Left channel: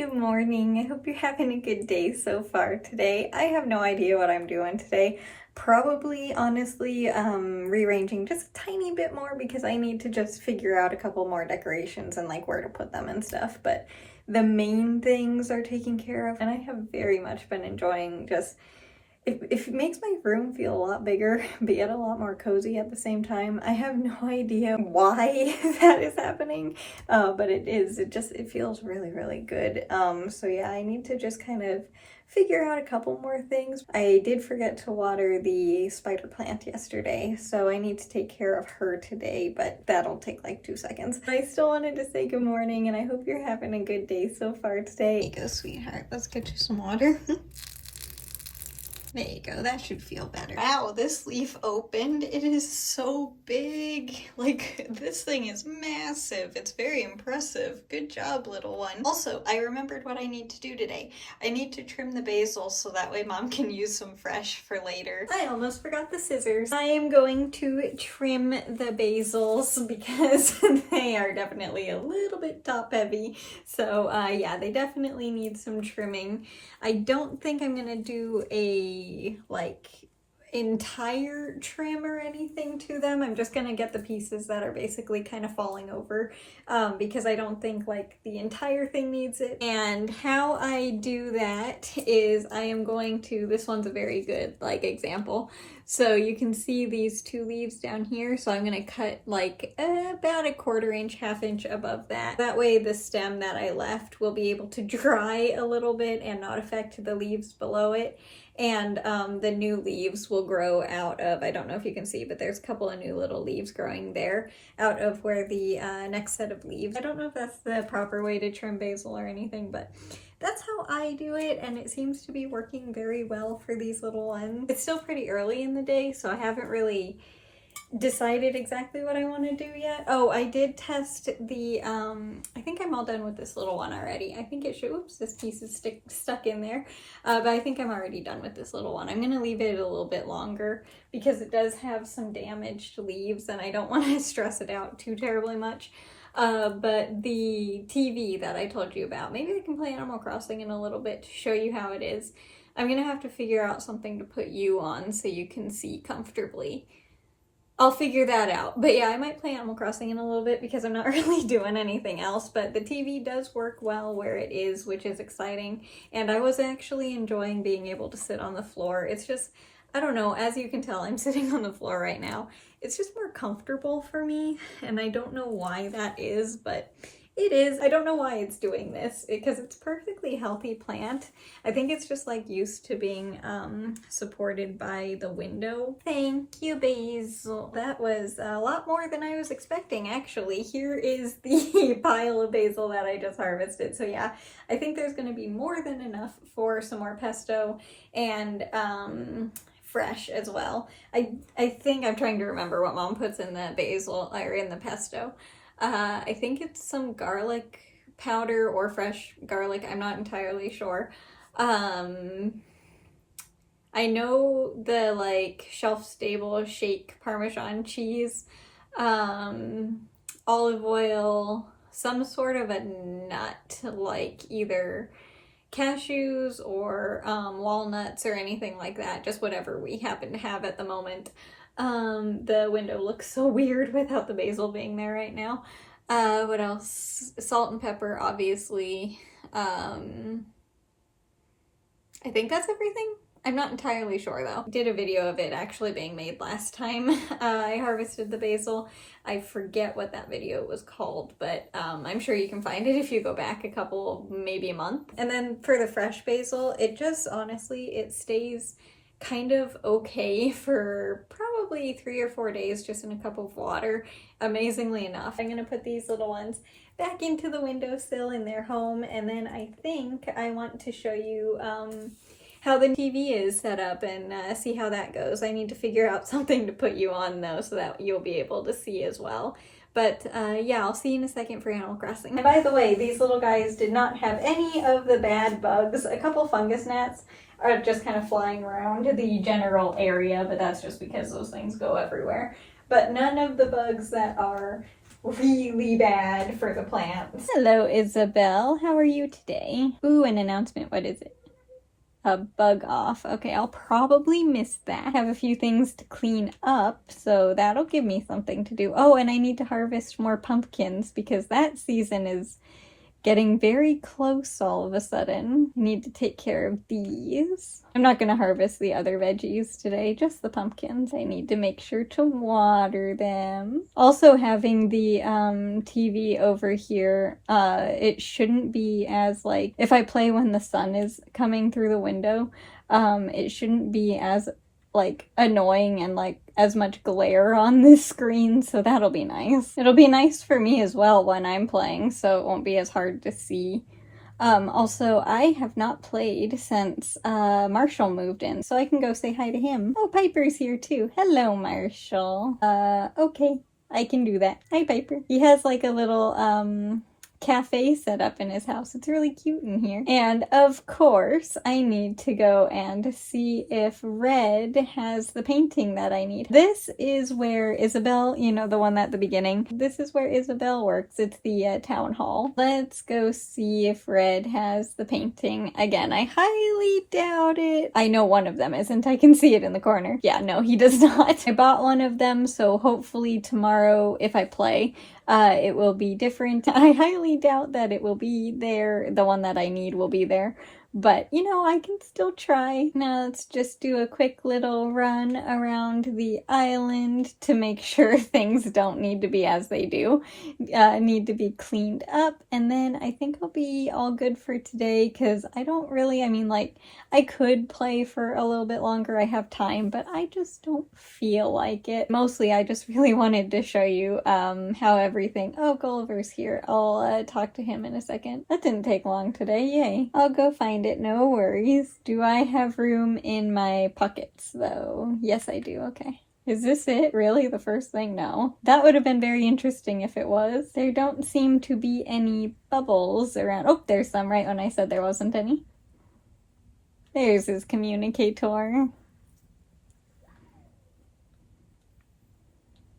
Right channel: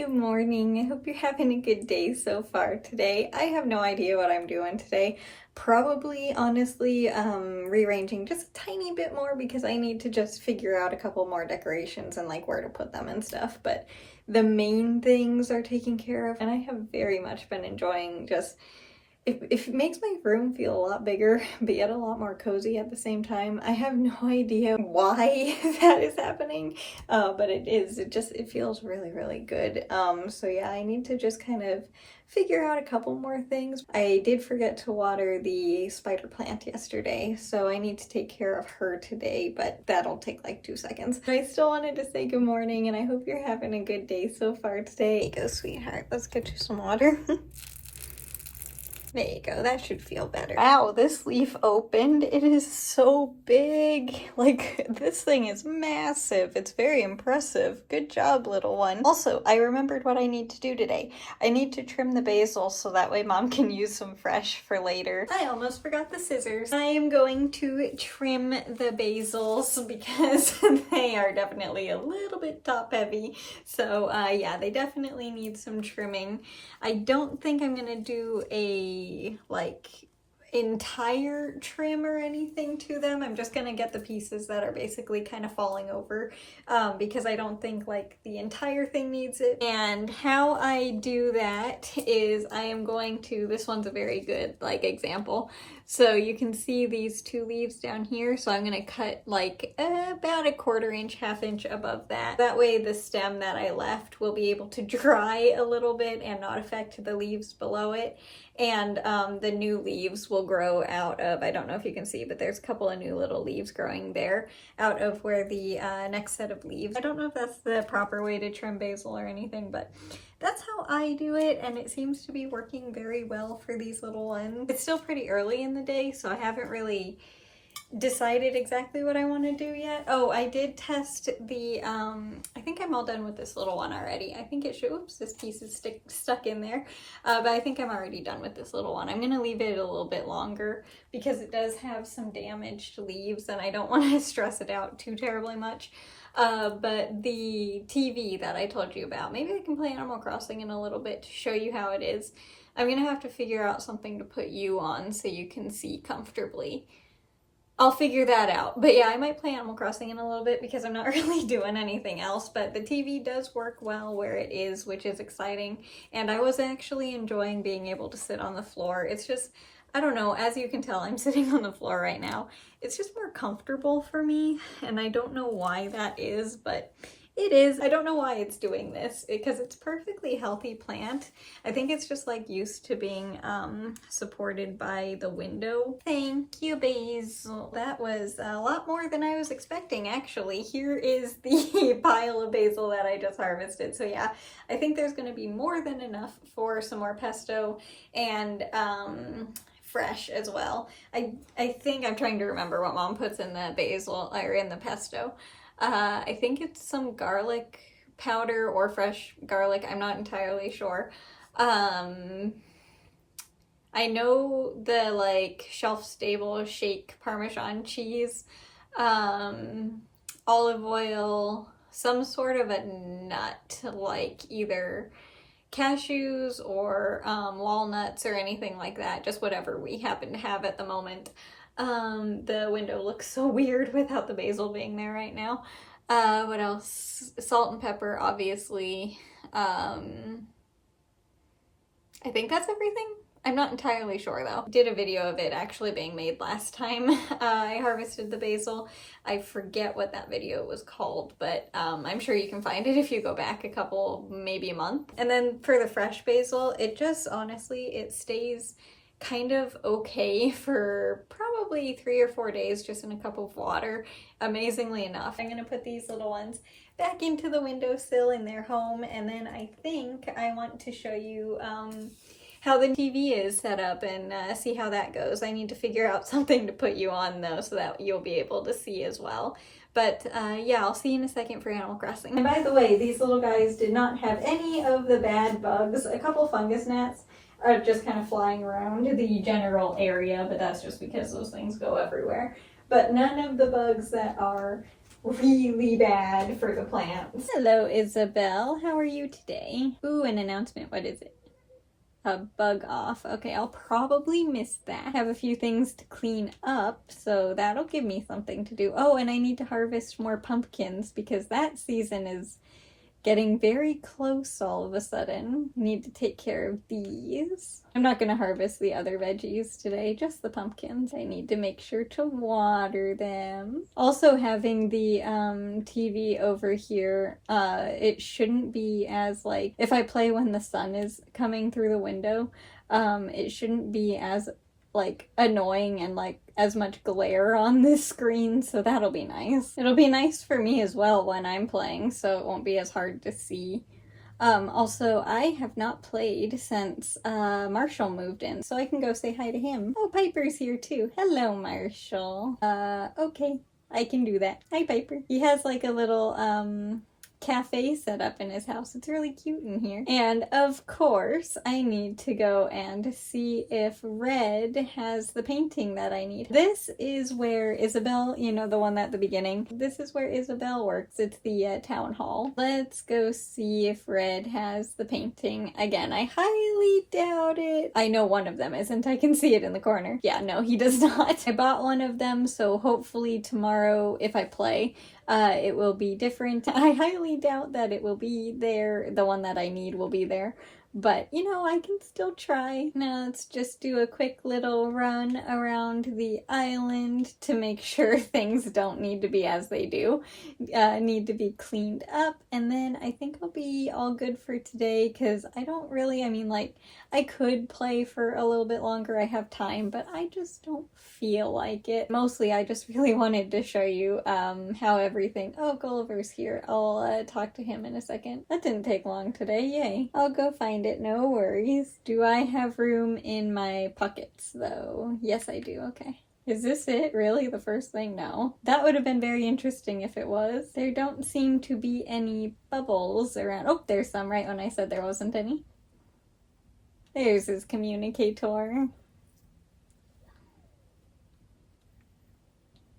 Good morning. I hope you're having a good day so far today. I have no idea what I'm doing today. Probably, honestly, rearranging just a tiny bit more because I need to just figure out a couple more decorations and like where to put them and stuff. But the main things are taken care of, and I have very much been enjoying just it makes my room feel a lot bigger, but yet a lot more cozy at the same time. I have no idea why that is happening, but it is. It feels really, really good. So yeah, I need to just kind of figure out a couple more things. I did forget to water the spider plant yesterday, so I need to take care of her today, but that'll take like 2 seconds. I still wanted to say good morning, and I hope you're having a good day so far today. There you go, sweetheart. Let's get you some water. There you go, that should feel better. Wow, this leaf opened. It is so big. Like, this thing is massive. It's very impressive. Good job, little one. Also, I remembered what I need to do today. I need to trim the basil so that way Mom can use some fresh for later. I almost forgot the scissors. I am going to trim the basils because they are definitely a little bit top heavy. So yeah, they definitely need some trimming. I don't think I'm gonna do a like entire trim or anything to them. I'm just gonna get the pieces that are basically kind of falling over because I don't think like the entire thing needs it. And how I do that is I am going to, this one's a very good like example. So you can see these 2 leaves down here. So I'm gonna cut like about a 1/4 inch, 1/2 inch above that. That way the stem that I left will be able to dry a little bit and not affect the leaves below it. And the new leaves will grow out of, I don't know if you can see, but there's a couple of new little leaves growing there out of where the next set of leaves. I don't know if that's the proper way to trim basil or anything, but that's how I do it, and it seems to be working very well for these little ones. It's still pretty early in the day, so I haven't really decided exactly what I want to do yet. Oh, I did test the, I think I'm all done with this little one already. I think it should, oops, this piece is stuck in there. But I think I'm already done with this little one. I'm going to leave it a little bit longer because it does have some damaged leaves and I don't want to stress it out too terribly much. But the TV that I told you about, maybe I can play Animal Crossing in a little bit to show you how it is. I'm going to have to figure out something to put you on so you can see comfortably. I'll figure that out. But yeah, I might play Animal Crossing in a little bit because I'm not really doing anything else. But the TV does work well where it is, which is exciting. And I was actually enjoying being able to sit on the floor. It's just, I don't know, as you can tell, I'm sitting on the floor right now. It's just more comfortable for me. And I don't know why that is, but it is. I don't know why it's doing this because it's a perfectly healthy plant. I think it's just like used to being supported by the window. Thank you, basil. That was a lot more than I was expecting, actually. Here is the pile of basil that I just harvested. So yeah, I think there's going to be more than enough for some more pesto and fresh as well. I think I'm trying to remember what Mom puts in the basil or in the pesto. I think it's some garlic powder or fresh garlic. I'm not entirely sure. I know the like shelf-stable shake Parmesan cheese, olive oil, some sort of a nut like either cashews or walnuts or anything like that. Just whatever we happen to have at the moment. The window looks so weird without the basil being there right now. What else? Salt and pepper, obviously. I think that's everything. I'm not entirely sure though. Did a video of it actually being made last time I harvested the basil. I forget what that video was called, but I'm sure you can find it if you go back a couple, maybe a month. And then for the fresh basil, it just honestly, it stays kind of okay for probably 3 or 4 days just in a cup of water, amazingly enough. I'm gonna put these little ones back into the windowsill in their home, and then I think I want to show you how the TV is set up and see how that goes. I need to figure out something to put you on though so that you'll be able to see as well. But yeah, I'll see you in a second for Animal Crossing. And by the way, these little guys did not have any of the bad bugs. A couple fungus gnats are just kind of flying around the general area, but that's just because those things go everywhere. But none of the bugs that are really bad for the plants. Hello, Isabel. How are you today? Ooh, an announcement. What is it? A bug off. Okay, I'll probably miss that. I have a few things to clean up, so that'll give me something to do. Oh, and I need to harvest more pumpkins because that season is getting very close all of a sudden. I need to take care of these. I'm not gonna harvest the other veggies today, just the pumpkins. I need to make sure to water them. Also, having the TV over here, it shouldn't be as like, if I play when the sun is coming through the window, it shouldn't be as like annoying and like as much glare on this screen, so that'll be nice. It'll be nice for me as well when I'm playing, so it won't be as hard to see. Also, I have not played since Marshall moved in, so I can go say hi to him. Oh, Piper's here too. Hello, Marshall. Okay, I can do that. Hi, Piper. He has like a little cafe set up in his house. It's really cute in here. And of course, I need to go and see if Red has the painting that I need. This is where Isabel, you know, the one at the beginning, this is where Isabel works. It's the town hall. Let's go see if Red has the painting. Again, I highly doubt it. I know one of them isn't. I can see it in the corner. Yeah, no, he does not. I bought one of them, so hopefully tomorrow, if I play, it will be different. I highly doubt that it will be there. The one that I need will be there. But, you know, I can still try. Now let's just do a quick little run around the island to make sure things don't need to be as they do. Need to be cleaned up. And then I think I'll be all good for today because I don't really, I mean, like, I could play for a little bit longer. I have time, but I just don't feel like it. Mostly, I just really wanted to show you how everything... Oh, Gulliver's here. I'll talk to him in a second. That didn't take long today. Yay. I'll go find it. No worries. Do I have room in my pockets, though? Yes, I do. Okay. Is this it? Really? The first thing? No. That would have been very interesting if it was. There don't seem to be any bubbles around. Oh, there's some right when I said there wasn't any. There's his communicator.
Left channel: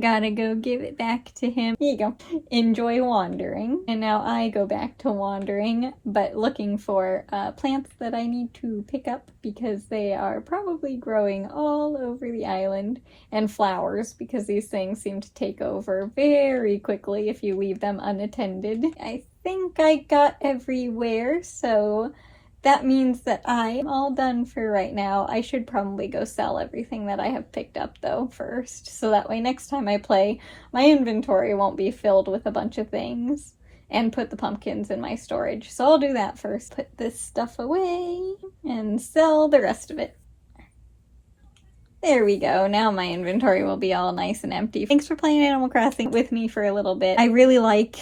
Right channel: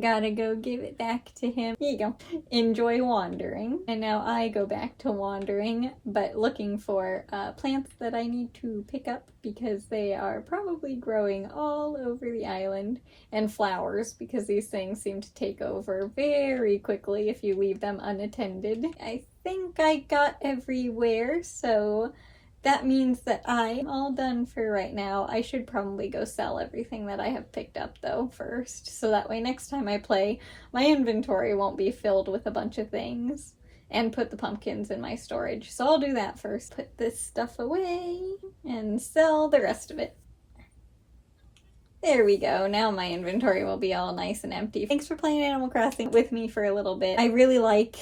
Gotta go give it back to him. Here you go. Enjoy wandering. And now I go back to wandering, but looking for plants that I need to pick up because they are probably growing all over the island. And flowers, because these things seem to take over very quickly if you leave them unattended. I think I got everywhere, so... that means that I'm all done for right now. I should probably go sell everything that I have picked up though first, so that way next time I play, my inventory won't be filled with a bunch of things. And put the pumpkins in my storage. So I'll do that first. Put this stuff away and sell the rest of it. There we go. Now my inventory will be all nice and empty. Thanks for playing Animal Crossing with me for a little bit. I really like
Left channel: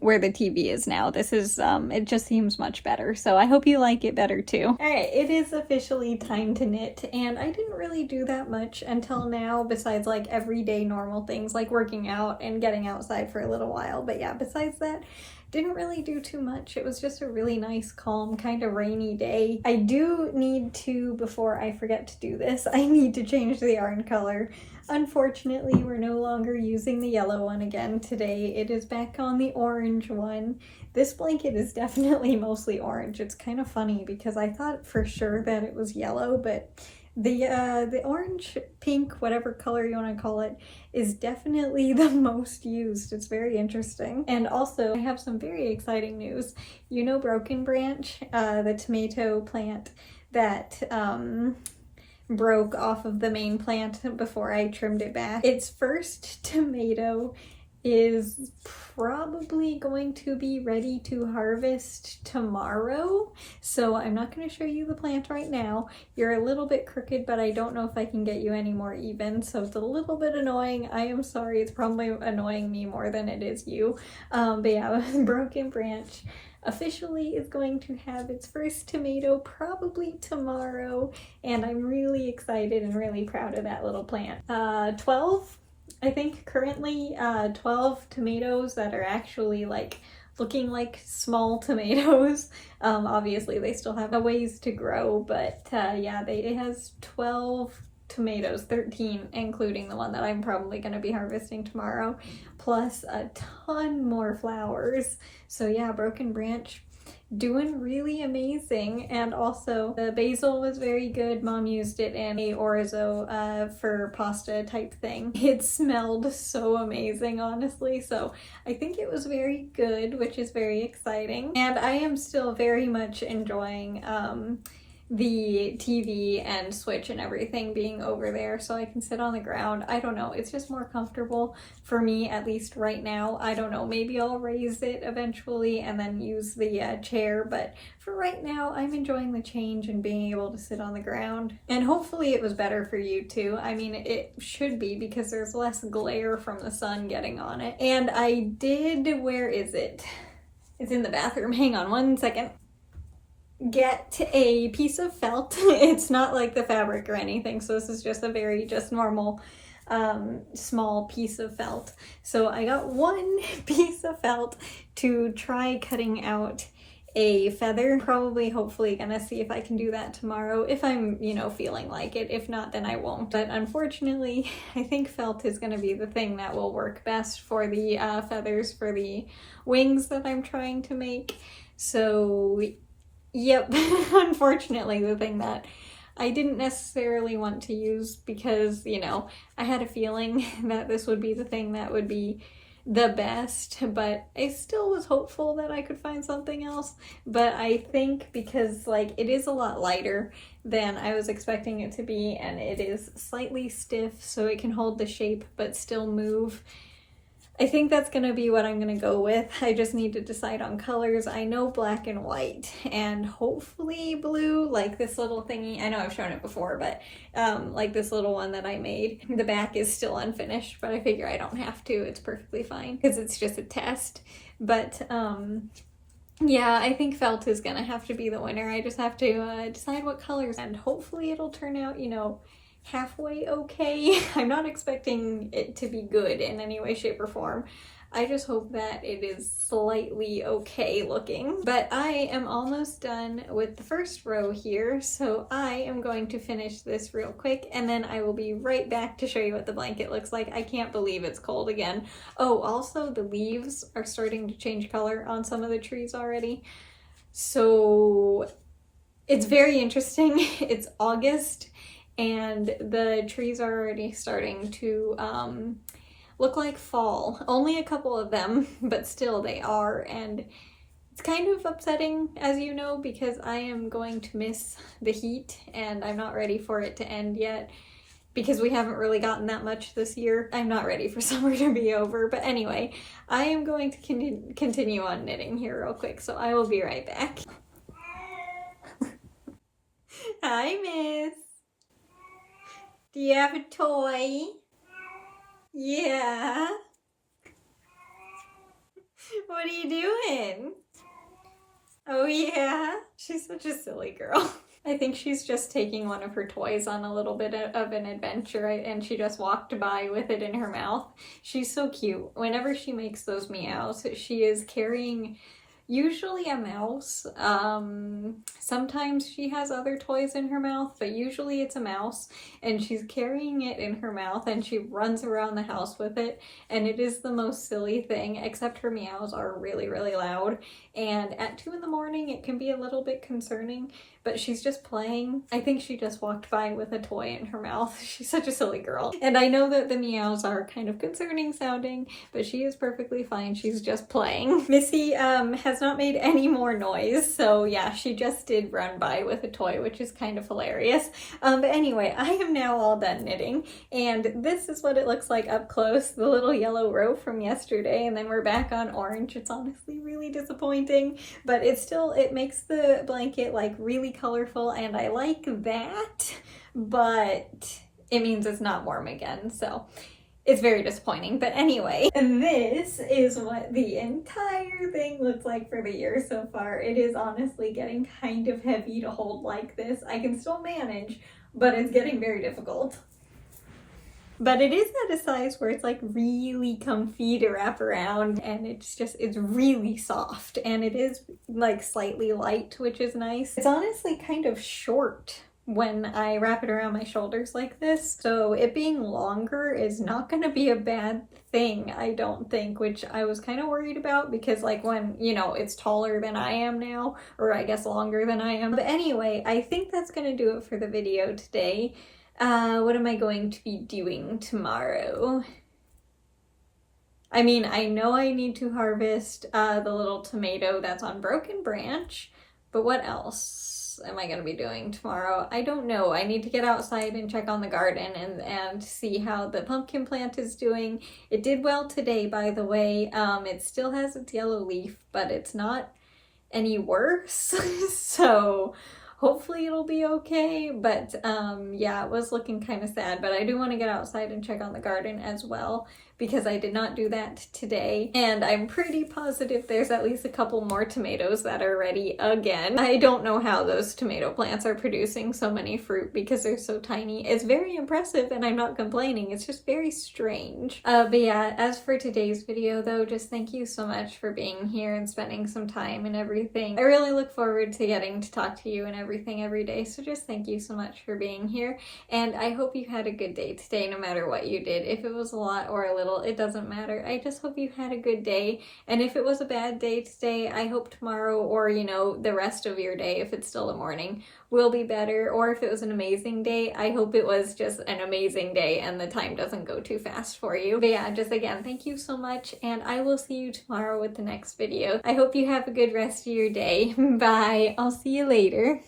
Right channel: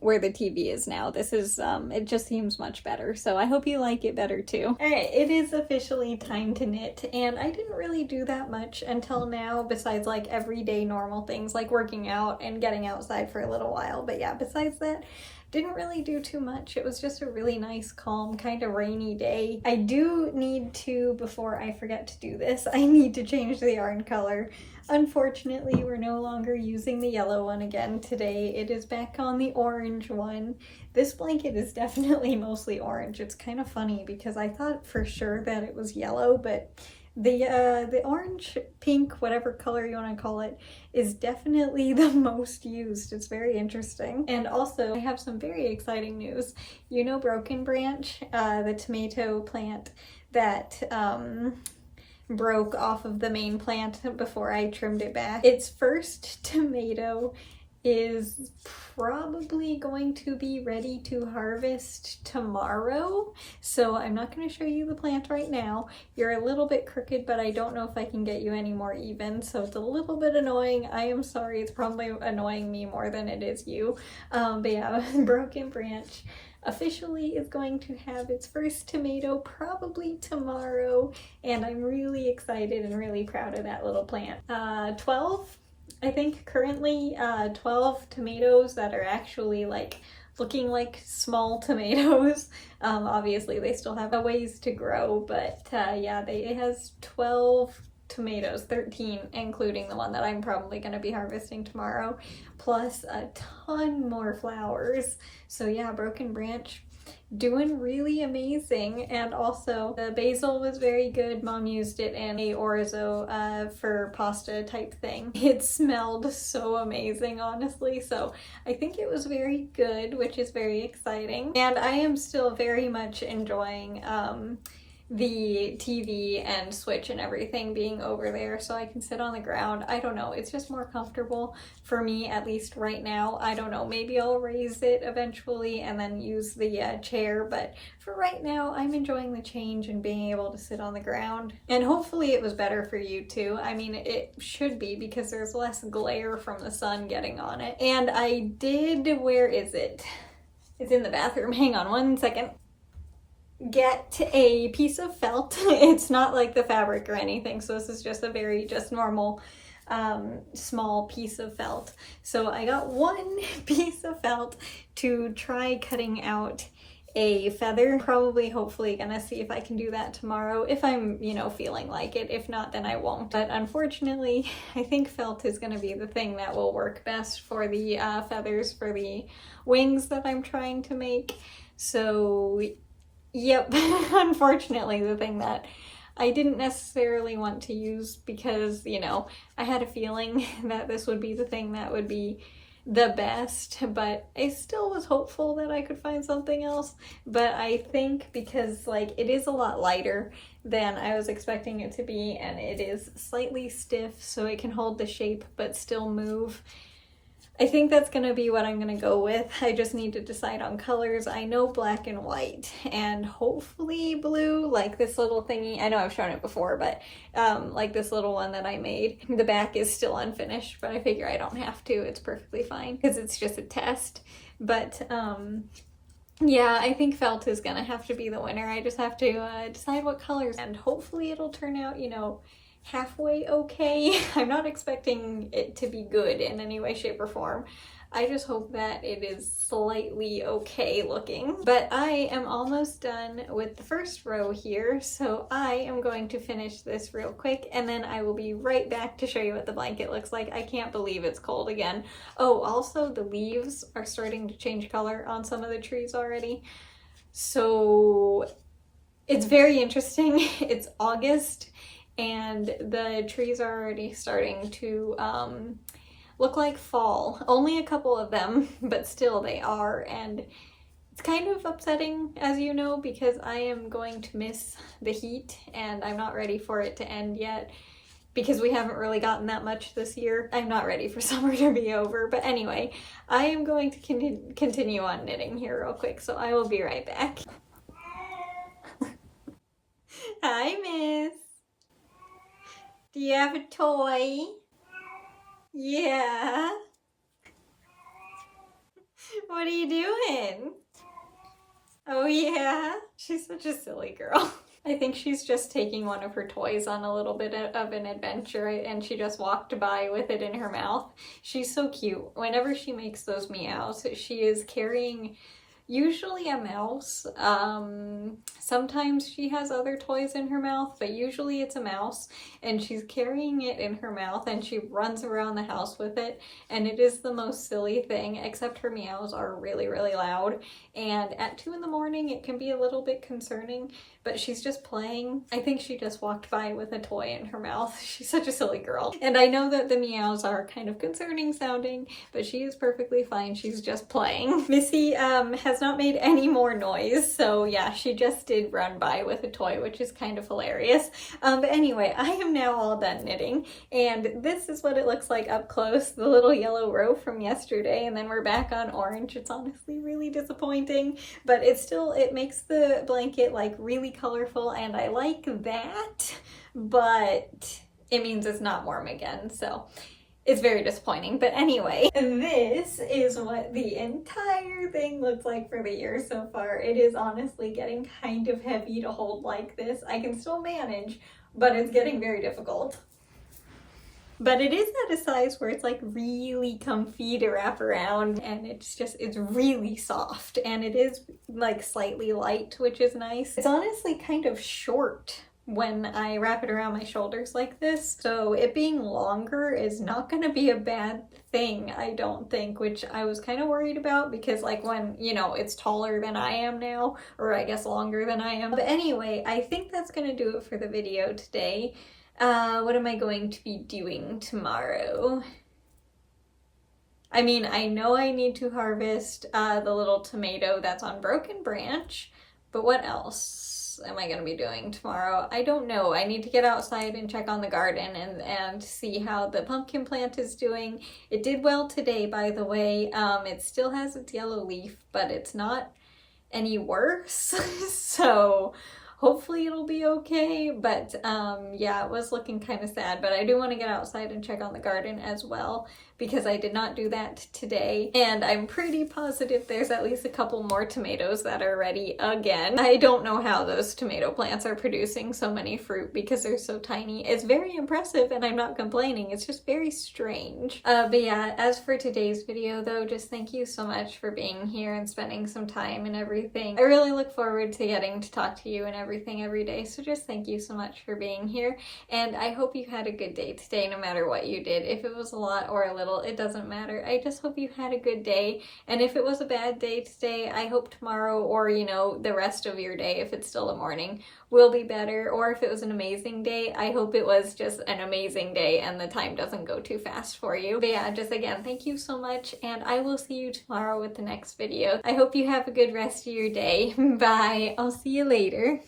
where the TV is now. This is, it just seems much better. So I hope you like it better too. Alright, it is officially time to knit. And I didn't really do that much until now, besides like everyday normal things like working out and getting outside for a little while. But yeah, besides that, didn't really do too much. It was just a really nice, calm, kind of rainy day. I do need to, before I forget to do this, I need to change the yarn color. Unfortunately, we're no longer using the yellow one again today. It is back on the orange one. This blanket is definitely mostly orange. It's kind of funny because I thought for sure that it was yellow, but the orange, pink, whatever color you want to call it, is definitely the most used. It's very interesting. And also, I have some very exciting news. You know Broken Branch, the tomato plant that broke off of the main plant before I trimmed it back? Its first tomato is probably going to be ready to harvest tomorrow. So I'm not going to show you the plant right now. You're a little bit crooked, but I don't know if I can get you any more even. So it's a little bit annoying. I am sorry. It's probably annoying me more than it is you. But yeah, Broken Branch officially is going to have its first tomato probably tomorrow. And I'm really excited and really proud of that little plant. 12? I think currently 12 tomatoes that are actually like looking like small tomatoes. Obviously they still have a ways to grow, but yeah, it has 12 tomatoes, 13, including the one that I'm probably going to be harvesting tomorrow, plus a ton more flowers. So yeah, Broken Branch doing really amazing. And also the basil was very good. Mom used it in a orzo for pasta type thing. It smelled so amazing, honestly, so I think it was very good, which is very exciting. And I am still very much enjoying the TV and Switch and everything being over there, so I can sit on the ground. I don't know, it's just more comfortable for me, at least right now. I don't know, maybe I'll raise it eventually and then use the chair, but for right now I'm enjoying the change and being able to sit on the ground. And hopefully it was better for you too. I mean, it should be, because there's less glare from the sun getting on it. And I did, where is it? It's in the bathroom. Hang on one second. Get a piece of felt. It's not like the fabric or anything, so this is just a very normal small piece of felt. So I got one piece of felt to try cutting out a feather. Probably, hopefully gonna see if I can do that tomorrow if I'm, you know, feeling like it. If not, then I won't. But unfortunately, I think felt is gonna be the thing that will work best for the feathers for the wings that I'm trying to make. So yep, unfortunately the thing that I didn't necessarily want to use, because, you know, I had a feeling that this would be the thing that would be the best, but I still was hopeful that I could find something else. But I think because, like, it is a lot lighter than I was expecting it to be, and it is slightly stiff so it can hold the shape but still move, I think that's gonna be what I'm gonna go with. I just need to decide on colors. I know black and white and hopefully blue, like this little thingy. I know I've shown it before, but like this little one that I made. The back is still unfinished, but I figure I don't have to. It's perfectly fine because it's just a test. But yeah, I think felt is gonna have to be the winner. I just have to decide what colors, and hopefully it'll turn out, you know, halfway okay. I'm not expecting it to be good in any way, shape, or form. I just hope that it is slightly okay looking. But I am almost done with the first row here, so I am going to finish this real quick, and then I will be right back to show you what the blanket looks like. I can't believe it's cold again. Oh, also the leaves are starting to change color on some of the trees already. So it's very interesting. It's August, and the trees are already starting to look like fall. Only a couple of them, but still they are, and it's kind of upsetting, as you know, because I am going to miss the heat, and I'm not ready for it to end yet, because we haven't really gotten that much this year. I'm not ready for summer to be over, but anyway, I am going to continue on knitting here real quick, so I will be right back. Hi, miss. Do you have a toy? Yeah. What are you doing? Oh yeah? She's such a silly girl. I think she's just taking one of her toys on a little bit of an adventure, and she just walked by with it in her mouth. She's so cute. Whenever she makes those meows, she is carrying usually a mouse. Sometimes she has other toys in her mouth, but usually it's a mouse, and she's carrying it in her mouth, and she runs around the house with it, and it is the most silly thing, except her meows are really, really loud, and at 2 in the morning it can be a little bit concerning, but she's just playing. I think she just walked by with a toy in her mouth. She's such a silly girl. And I know that the meows are kind of concerning sounding, but she is perfectly fine. She's just playing. Missy has not made any more noise, so yeah, she just did run by with a toy, which is kind of hilarious. But anyway, I am now all done knitting, and this is what it looks like up close, the little yellow row from yesterday, and then we're back on orange. It's honestly really disappointing, but it makes the blanket like really colorful, and I like that, but it means it's not warm again, so it's very disappointing. But anyway, this is what the entire thing looks like for the year so far. It is honestly getting kind of heavy to hold like this. I can still manage, but it's getting very difficult. But it is at a size where it's like really comfy to wrap around, and it's really soft, and it is like slightly light, which is nice. It's honestly kind of short when I wrap it around my shoulders like this. So it being longer is not gonna be a bad thing, I don't think, which I was kind of worried about because like when, you know, it's taller than I am now, or I guess longer than I am. But anyway, I think that's gonna do it for the video today. What am I going to be doing tomorrow? I mean, I know I need to harvest the little tomato that's on Broken Branch, but what else am I gonna be doing tomorrow? I don't know. I need to get outside and check on the garden and see how the pumpkin plant is doing. It did well today, by the way. It still has its yellow leaf, but it's not any worse. So hopefully it'll be okay. But yeah, it was looking kind of sad, but I do want to get outside and check on the garden as well because I did not do that today. And I'm pretty positive there's at least a couple more tomatoes that are ready again. I don't know how those tomato plants are producing so many fruit because they're so tiny. It's very impressive and I'm not complaining. It's just very strange. But yeah, as for today's video though, just thank you so much for being here and spending some time and everything. I really look forward to getting to talk to you and everything every day. So just thank you so much for being here. And I hope you had a good day today, no matter what you did. If it was a lot or a little, it doesn't matter. I just hope you had a good day. And if it was a bad day today, I hope tomorrow or, you know, the rest of your day, if it's still the morning, will be better. Or if it was an amazing day, I hope it was just an amazing day and the time doesn't go too fast for you. But yeah, just again, thank you so much. And I will see you tomorrow with the next video. I hope you have a good rest of your day. Bye. I'll see you later.